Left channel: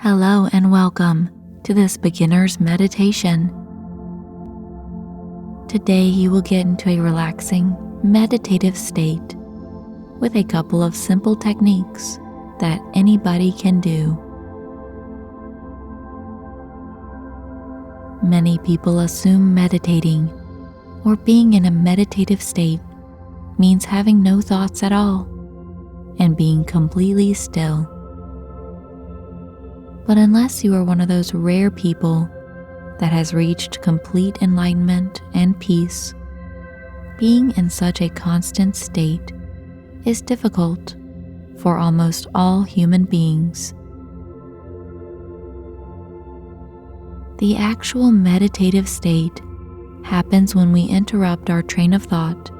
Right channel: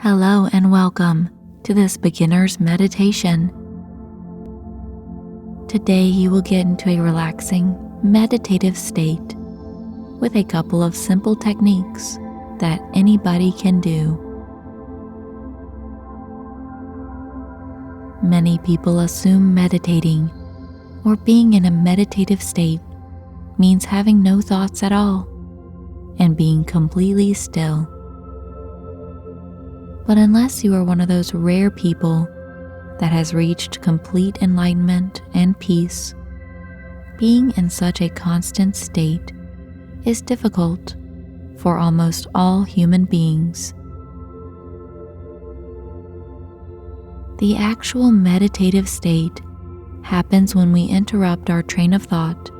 Hello and welcome to this beginner's meditation. Today you will get into a relaxing, meditative state with a couple of simple techniques that anybody can do. Many people assume meditating or being in a meditative state means having no thoughts at all and being completely still. But unless you are one of those rare people that has reached complete enlightenment and peace, being in such a constant state is difficult for almost all human beings. The actual meditative state happens when we interrupt our train of thought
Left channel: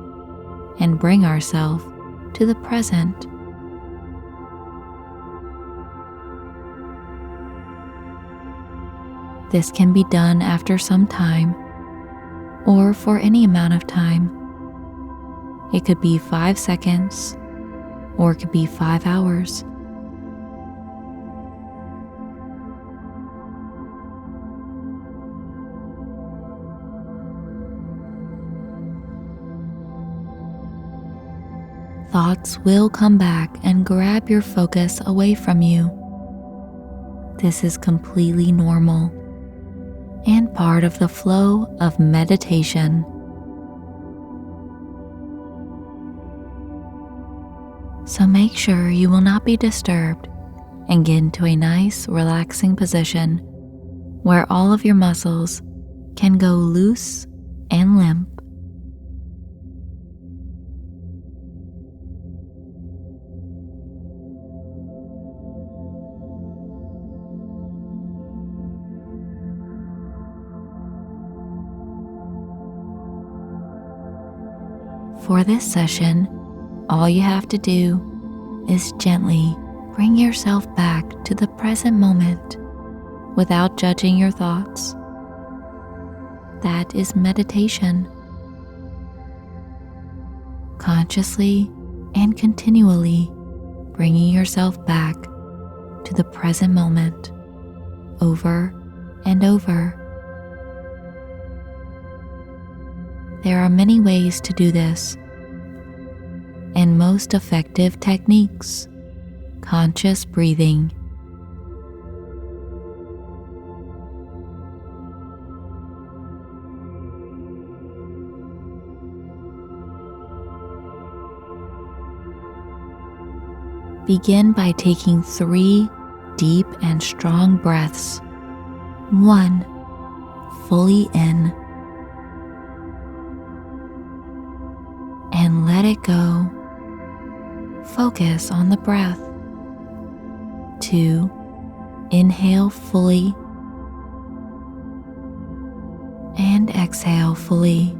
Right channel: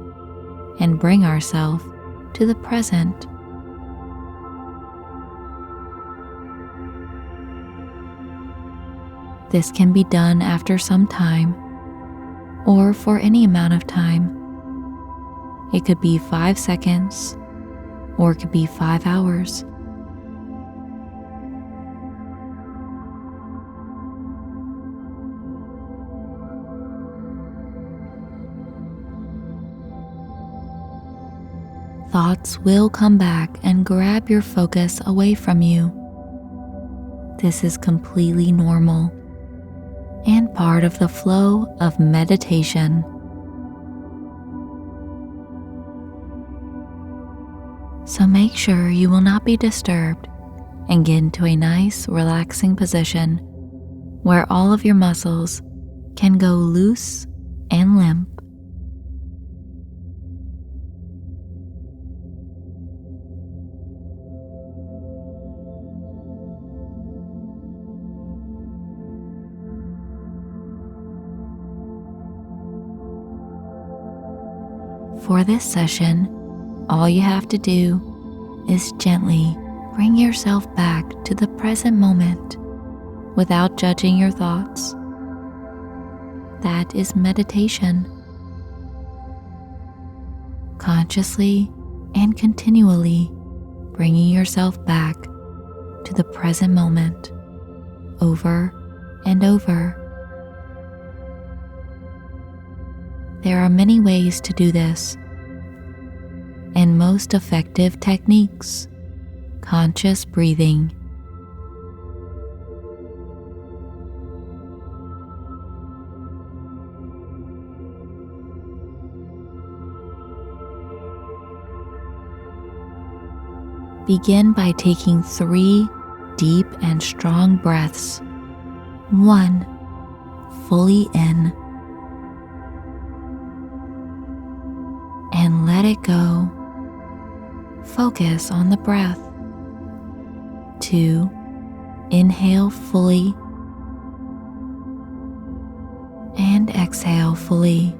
and bring ourselves to the present. This can be done after some time or for any amount of time. It could be 5 seconds or it could be 5 hours. Thoughts will come back and grab your focus away from you. This is completely normal and part of the flow of meditation. So make sure you will not be disturbed and get into a nice, relaxing position where all of your muscles can go loose and limp. For this session, all you have to do is gently bring yourself back to the present moment without judging your thoughts. That is meditation. Consciously and continually bringing yourself back to the present moment over and over. There are many ways to do this, and most effective techniques: conscious breathing. Begin by taking 3 deep and strong breaths. 1. Fully in. And let it go. Focus on the breath. 2. Inhale fully and exhale fully.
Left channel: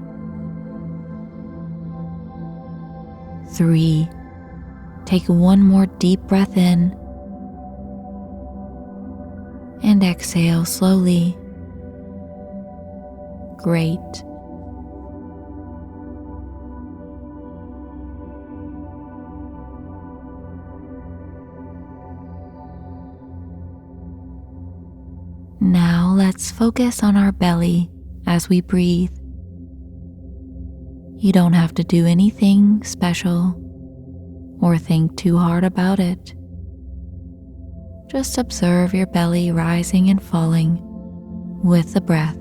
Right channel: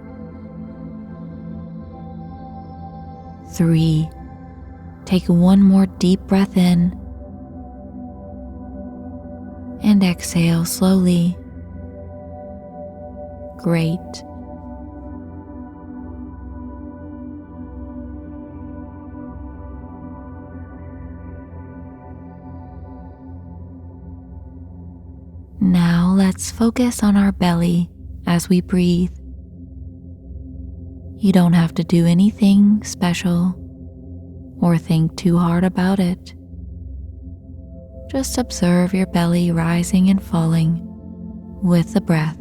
3. Take one more deep breath in and exhale slowly. Great. Now let's focus on our belly as we breathe. You don't have to do anything special or think too hard about it. Just observe your belly rising and falling with the breath.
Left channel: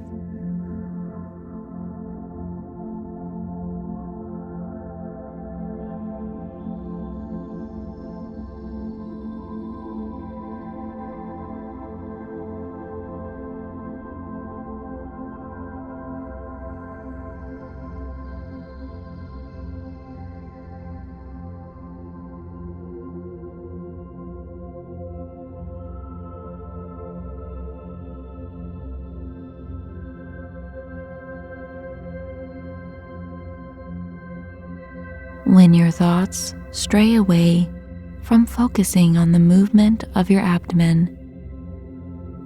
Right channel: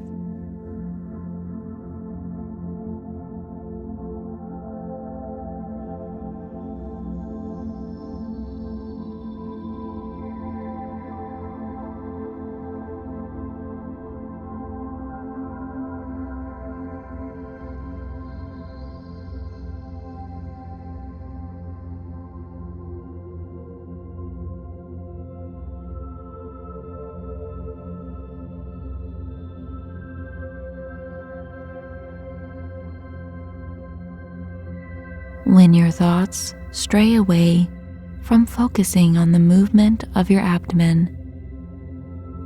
When your thoughts stray away from focusing on the movement of your abdomen,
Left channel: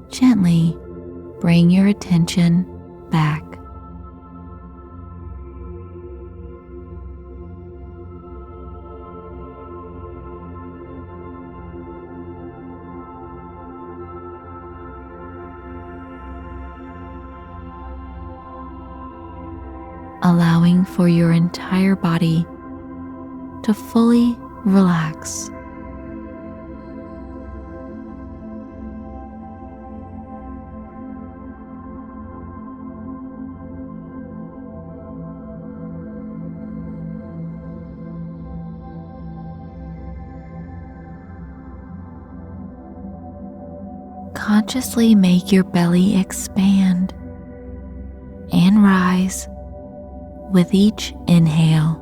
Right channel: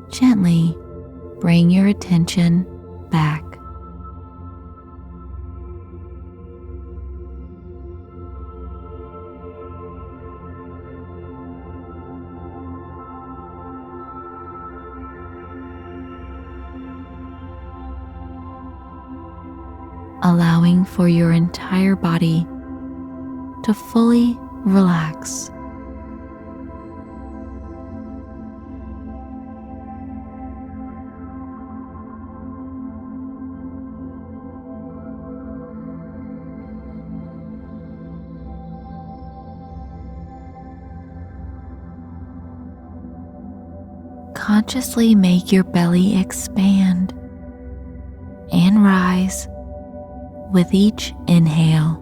gently bring your attention back. allowing for your entire body to fully relax. Consciously make your belly expand and rise with each inhale,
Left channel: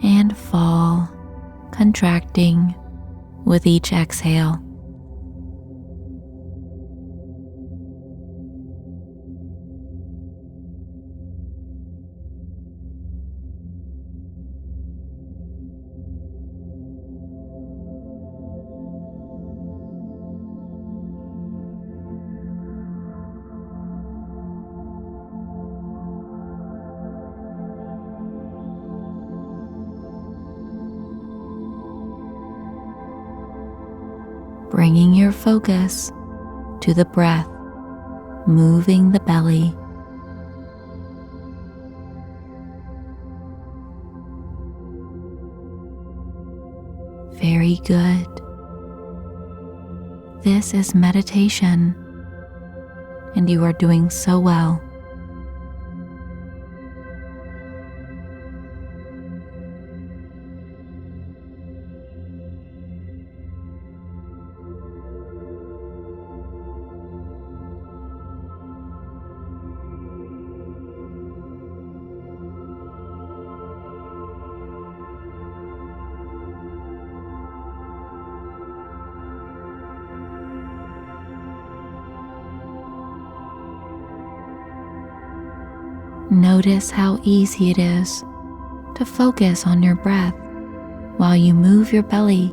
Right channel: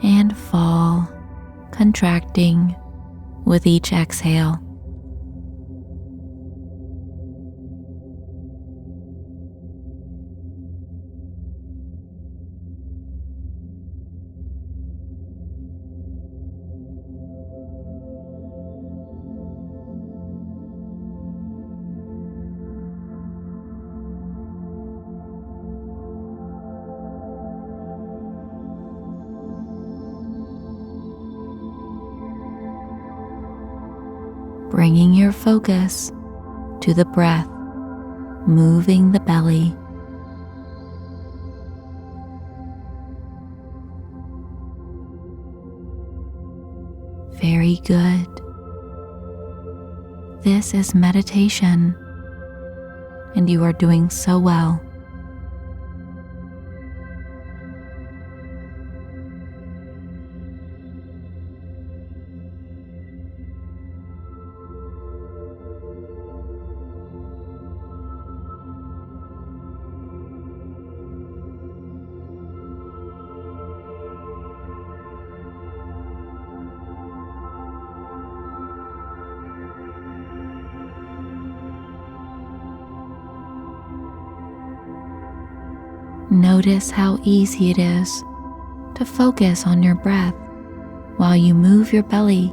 and fall, contracting with each exhale. Bringing your focus to the breath, moving the belly. Very good. This is meditation, and you are doing so well. Notice how easy it is to focus on your breath while you move your belly.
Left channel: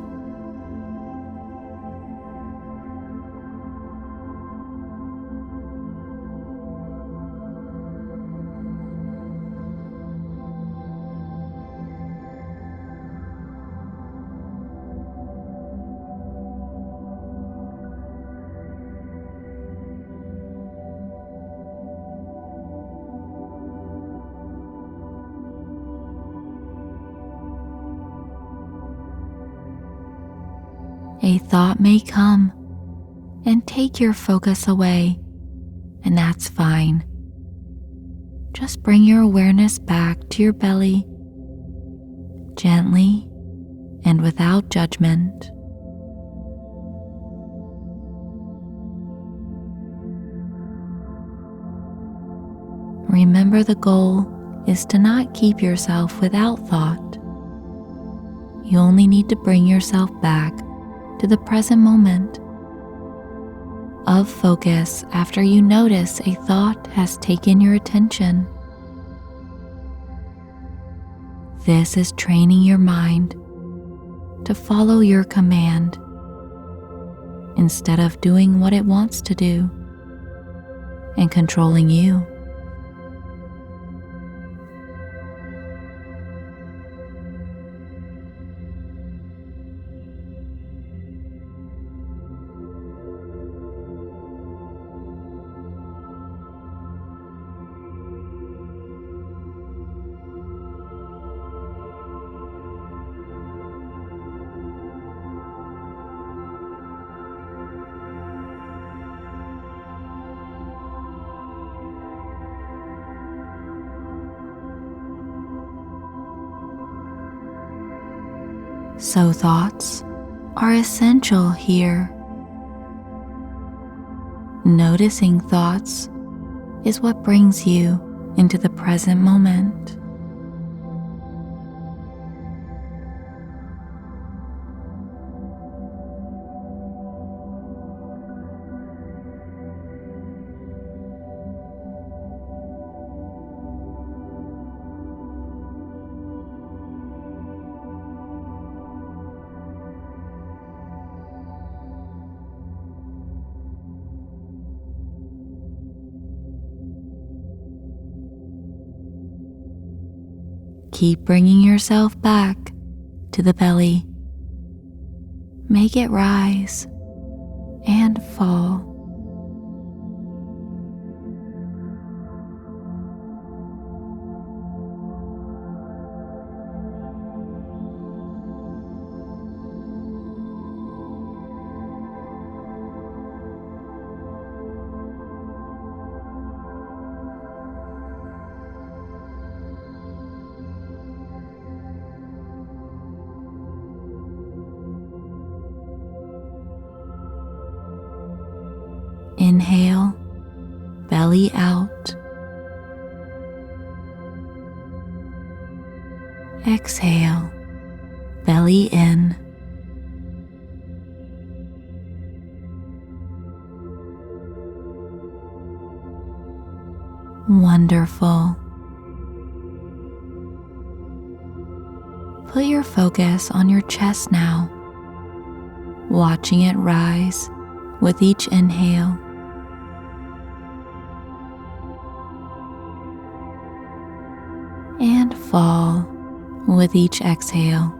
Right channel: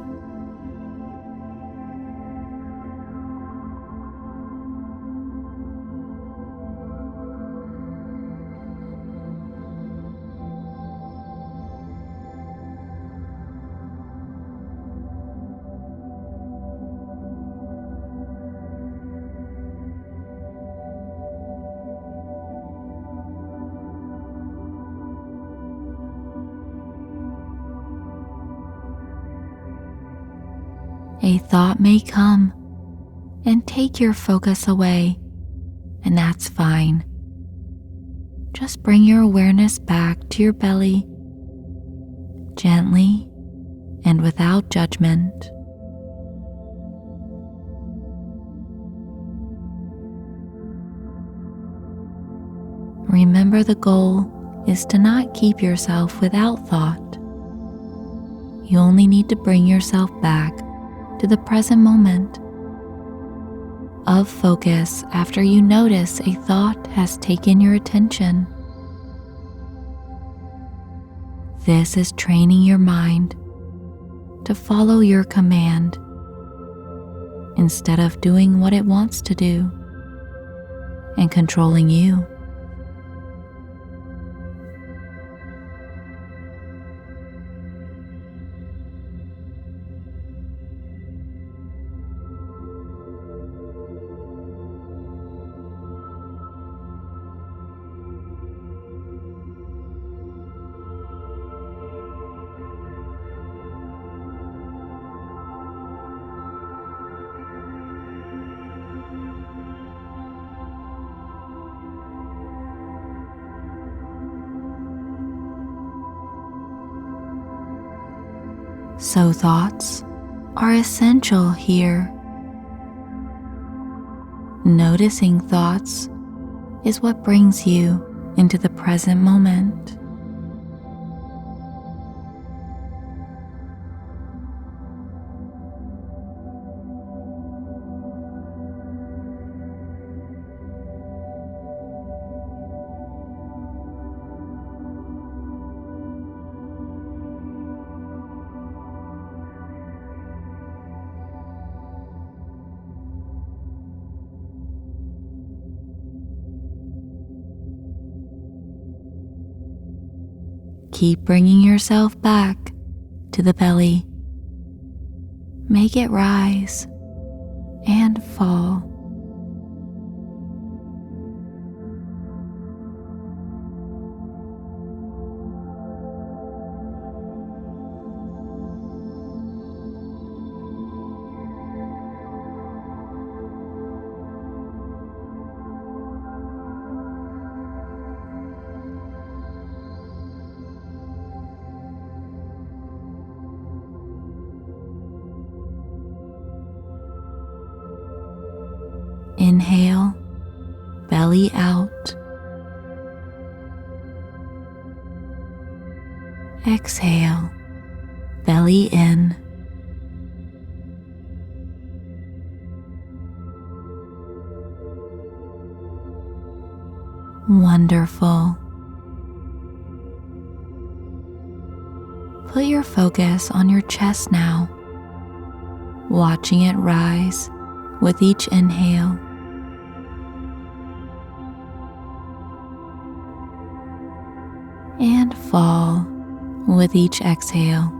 A thought may come and take your focus away, and that's fine. Just bring your awareness back to your belly, gently and without judgment. Remember, the goal is to not keep yourself without thought. You only need to bring yourself back to the present moment of focus after you notice a thought has taken your attention. This is training your mind to follow your command instead of doing what it wants to do and controlling you. So thoughts are essential here. Noticing thoughts is what brings you into the present moment. Keep bringing yourself back to the belly. Make it rise and fall. Inhale, belly out. Exhale, belly in. Wonderful. Put your focus on your chest now, watching it rise with each inhale. And fall with each exhale.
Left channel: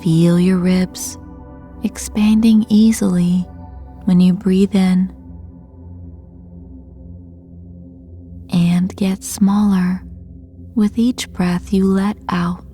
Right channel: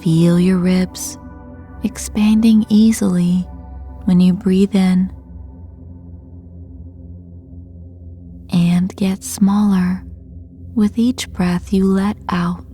Feel your ribs expanding easily when you breathe in, and get smaller with each breath you let out.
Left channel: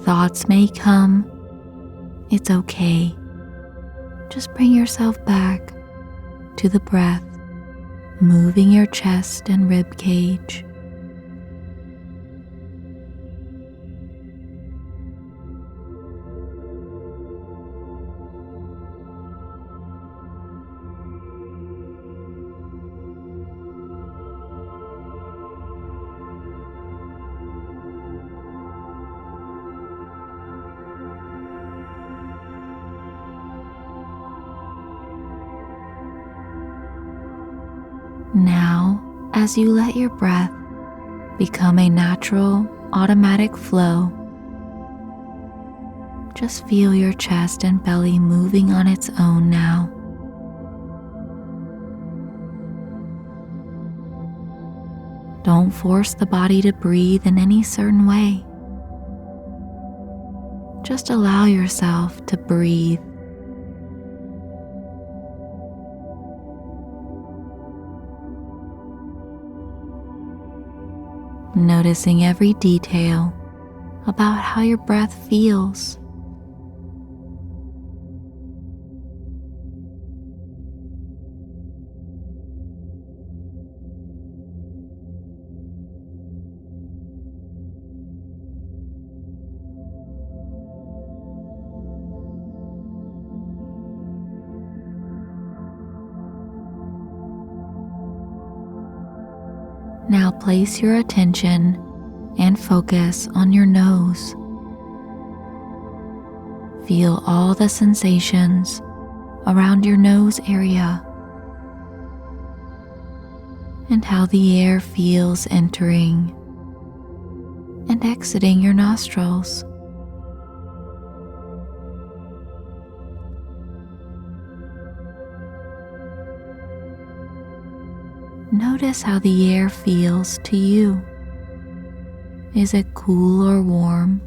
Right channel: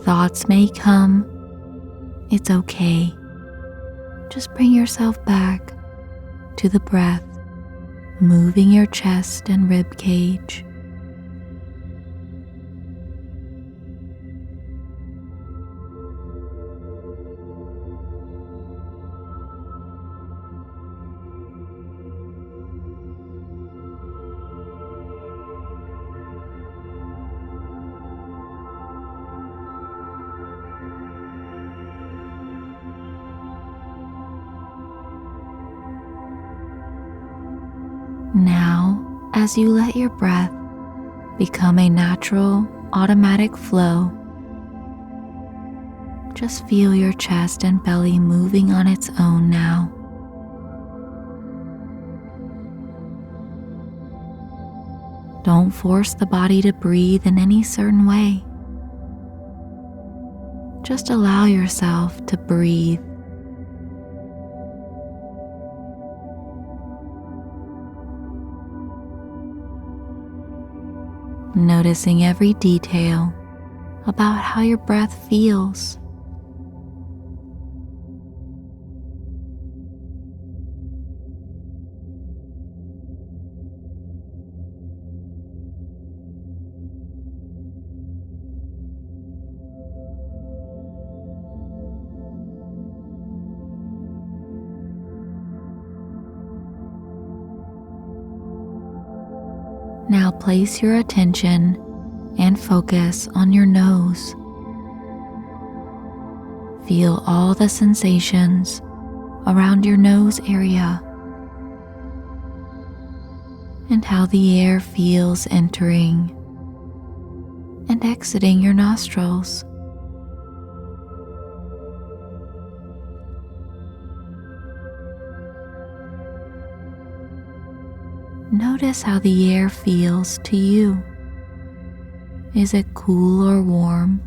Thoughts may come. It's okay. Just bring yourself back to the breath, moving your chest and rib cage. Now, as you let your breath become a natural, automatic flow, just feel your chest and belly moving on its own now. Don't force the body to breathe in any certain way. Just allow yourself to breathe. Noticing every detail about how your breath feels. Now place your attention and focus on your nose. Feel all the sensations around your nose area and how the air feels entering and exiting your nostrils. Notice how the air feels to you. Is it cool or warm?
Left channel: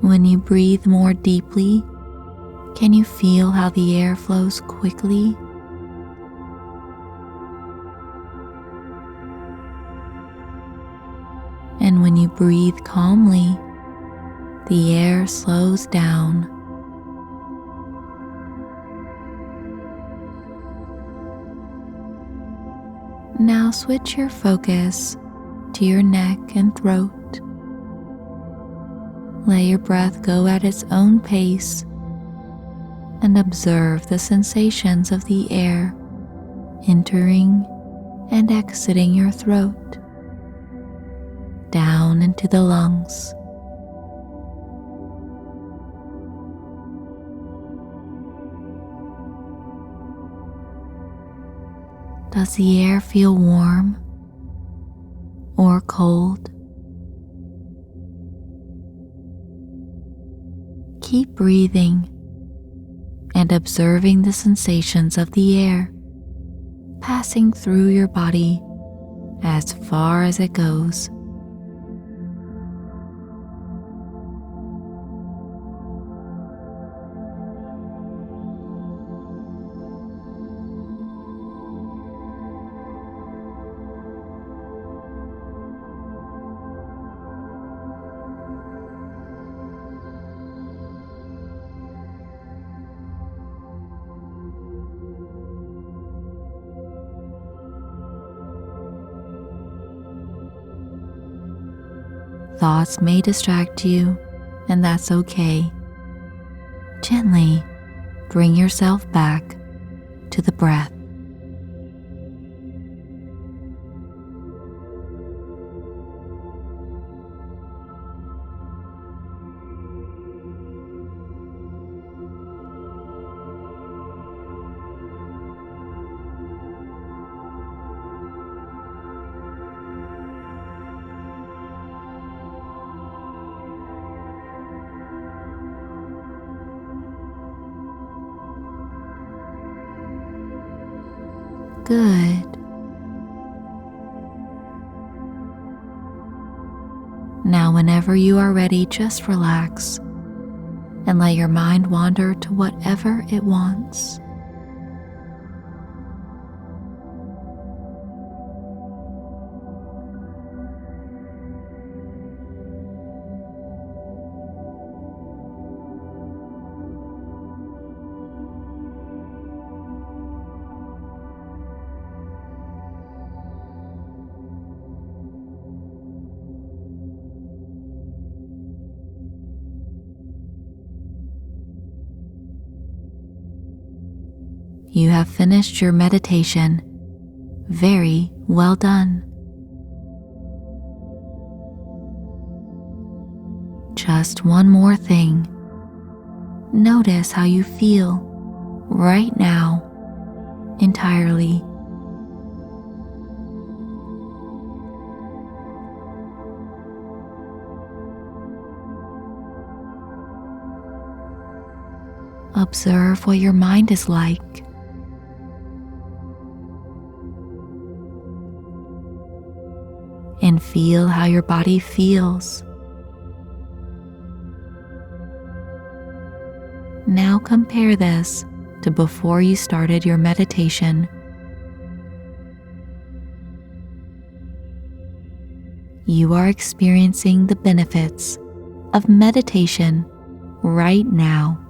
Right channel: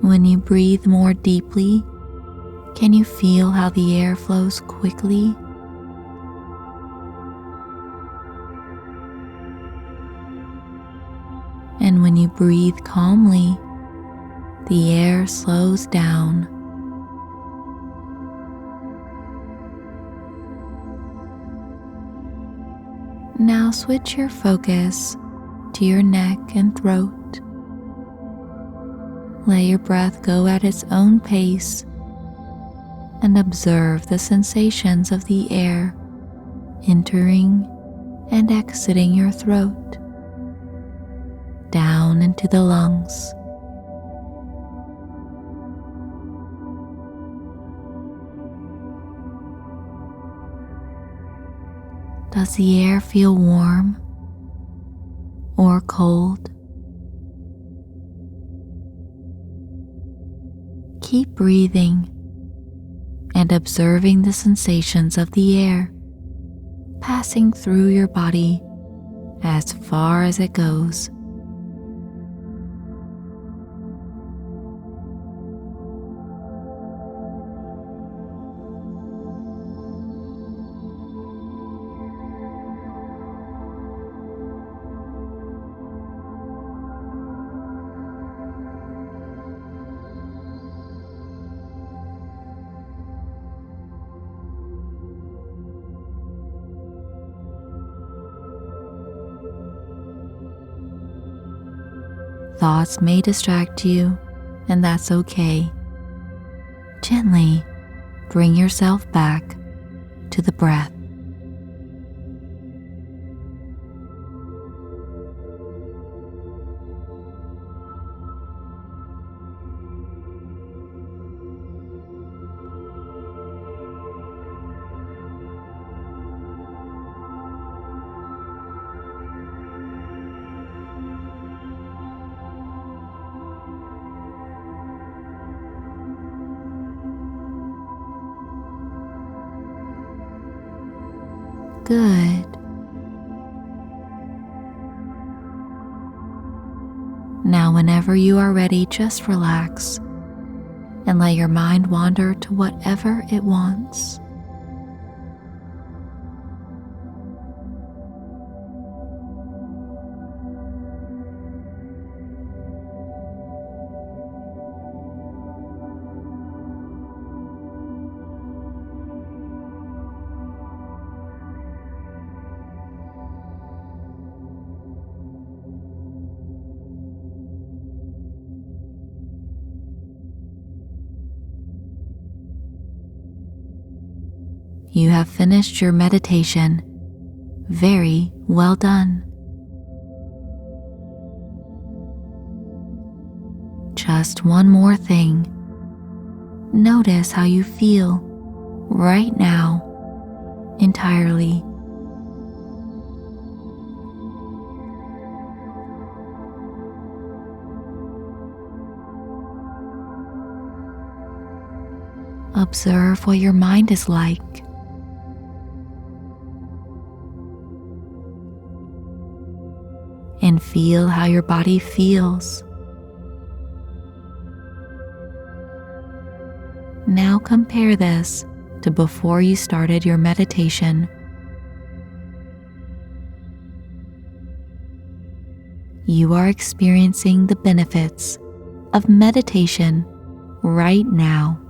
When you breathe more deeply, can you feel how the air flows quickly? And when you breathe calmly, the air slows down. Now switch your focus to your neck and throat. Let your breath go at its own pace and observe the sensations of the air entering and exiting your throat, down into the lungs. Does the air feel warm or cold? Keep breathing and observing the sensations of the air passing through your body as far as it goes. Thoughts may distract you, and that's okay. Gently bring yourself back to the breath. Good. Now, whenever you are ready, just relax and let your mind wander to whatever it wants. You have finished your meditation. Very well done. Just one more thing. Notice how you feel right now entirely. Observe what your mind is like. And feel how your body feels. Now compare this to before you started your meditation. You are experiencing the benefits of meditation right now.